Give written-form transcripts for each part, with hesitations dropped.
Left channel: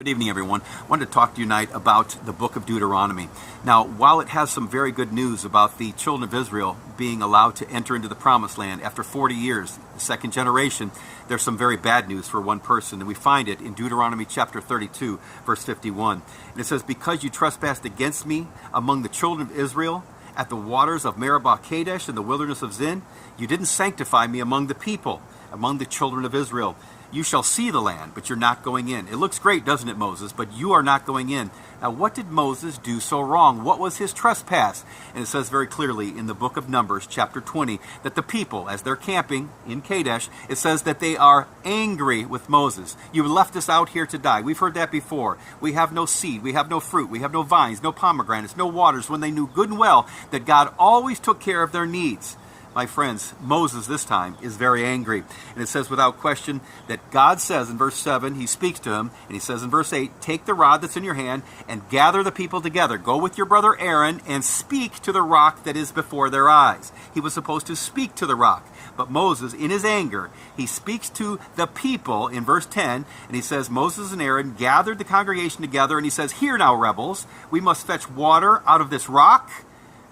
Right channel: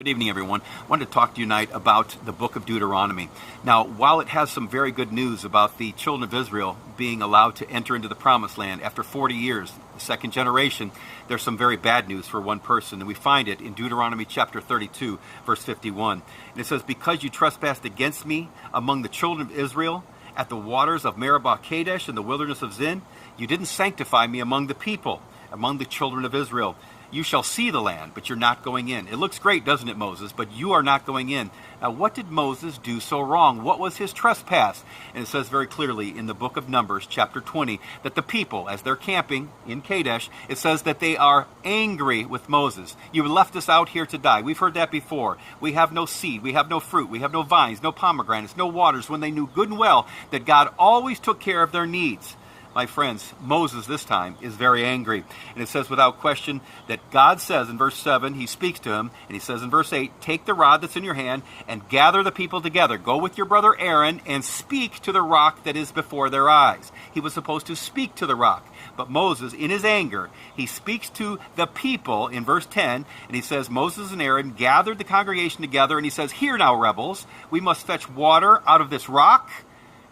Good evening, everyone. I wanted to talk to you tonight about the book of Deuteronomy. Now, while it has some very good news about the children of Israel being allowed to enter into the promised land after 40 years, the second generation, there's some very bad news for one person. And we find it in Deuteronomy chapter 32, verse 51. And it says, "Because you trespassed against me among the children of Israel at the waters of Meribah Kadesh in the wilderness of Zin, you didn't sanctify me among the people, among the children of Israel. You shall see the land, but you're not going in." It looks great, doesn't it, Moses? But you are not going in. Now, what did Moses do so wrong? What was his trespass? And it says very clearly in the book of Numbers, chapter 20, that the people, as they're camping in Kadesh, it says that they are angry with Moses. "You left us out here to die." We've heard that before. We have no seed, we have no fruit, we have no vines, no pomegranates, no waters, when they knew good and well that God always took care of their needs. My friends, Moses this time is very angry. And it says without question that God says in verse 7, he speaks to him, and he says in verse 8, "Take the rod that's in your hand and gather the people together. Go with your brother Aaron and speak to the rock that is before their eyes." He was supposed to speak to the rock. But Moses, in his anger, he speaks to the people in verse 10, and he says, Moses and Aaron gathered the congregation together, and he says, "Hear now, rebels, we must fetch water out of this rock."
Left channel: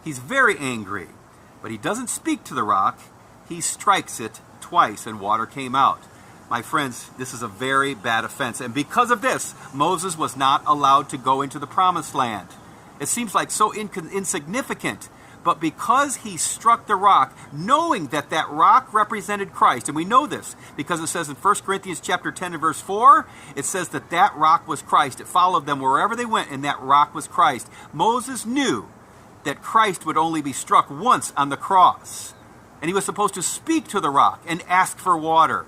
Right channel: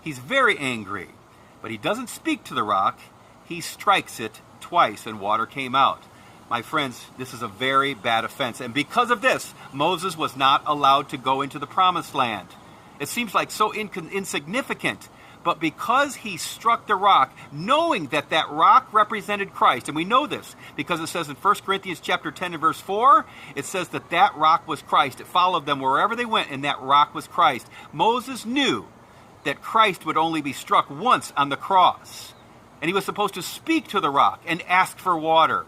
He's very angry. But he doesn't speak to the rock, he strikes it twice and water came out. My friends, this is a very bad offense. And because of this, Moses was not allowed to go into the promised land. It seems like so insignificant. But because he struck the rock, knowing that that rock represented Christ, and we know this because it says in 1 Corinthians chapter 10 and verse 4, it says that that rock was Christ. It followed them wherever they went, and that rock was Christ. Moses knew that Christ would only be struck once on the cross. And he was supposed to speak to the rock and ask for water.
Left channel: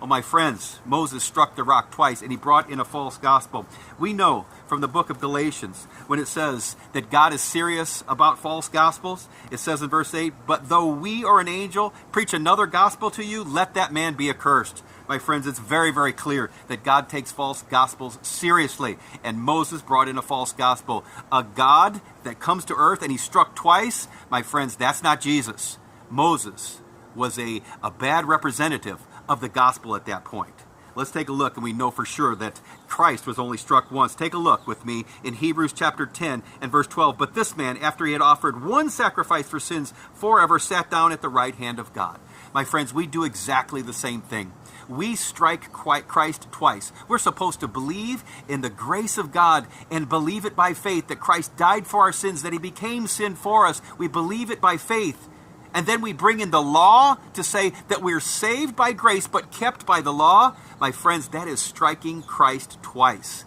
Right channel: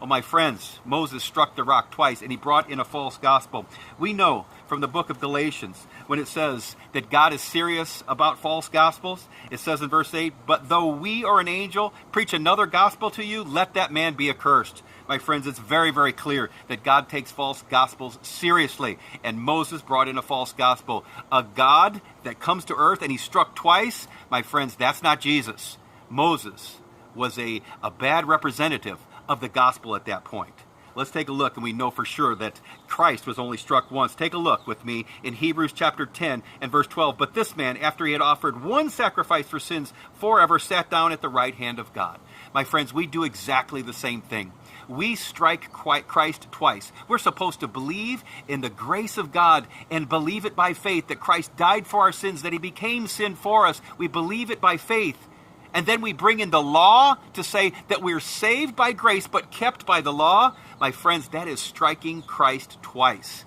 Oh, my friends, Moses struck the rock twice, and he brought in a false gospel. We know from the book of Galatians, when it says that God is serious about false gospels, it says in verse 8, "But though we or an angel preach another gospel to you, let that man be accursed." My friends, it's very, very clear that God takes false gospels seriously. And Moses brought in a false gospel. A God that comes to earth and he struck twice, my friends, that's not Jesus. Moses was a bad representative of the gospel at that point. Let's take a look, and we know for sure that Christ was only struck once. Take a look with me in Hebrews chapter 10 and verse 12. "But this man, after he had offered one sacrifice for sins forever, sat down at the right hand of God." My friends, we do exactly the same thing. We strike Christ twice. We're supposed to believe in the grace of God and believe it by faith, that Christ died for our sins, that he became sin for us. We believe it by faith. And then we bring in the law to say that we're saved by grace but kept by the law. My friends, that is striking Christ twice.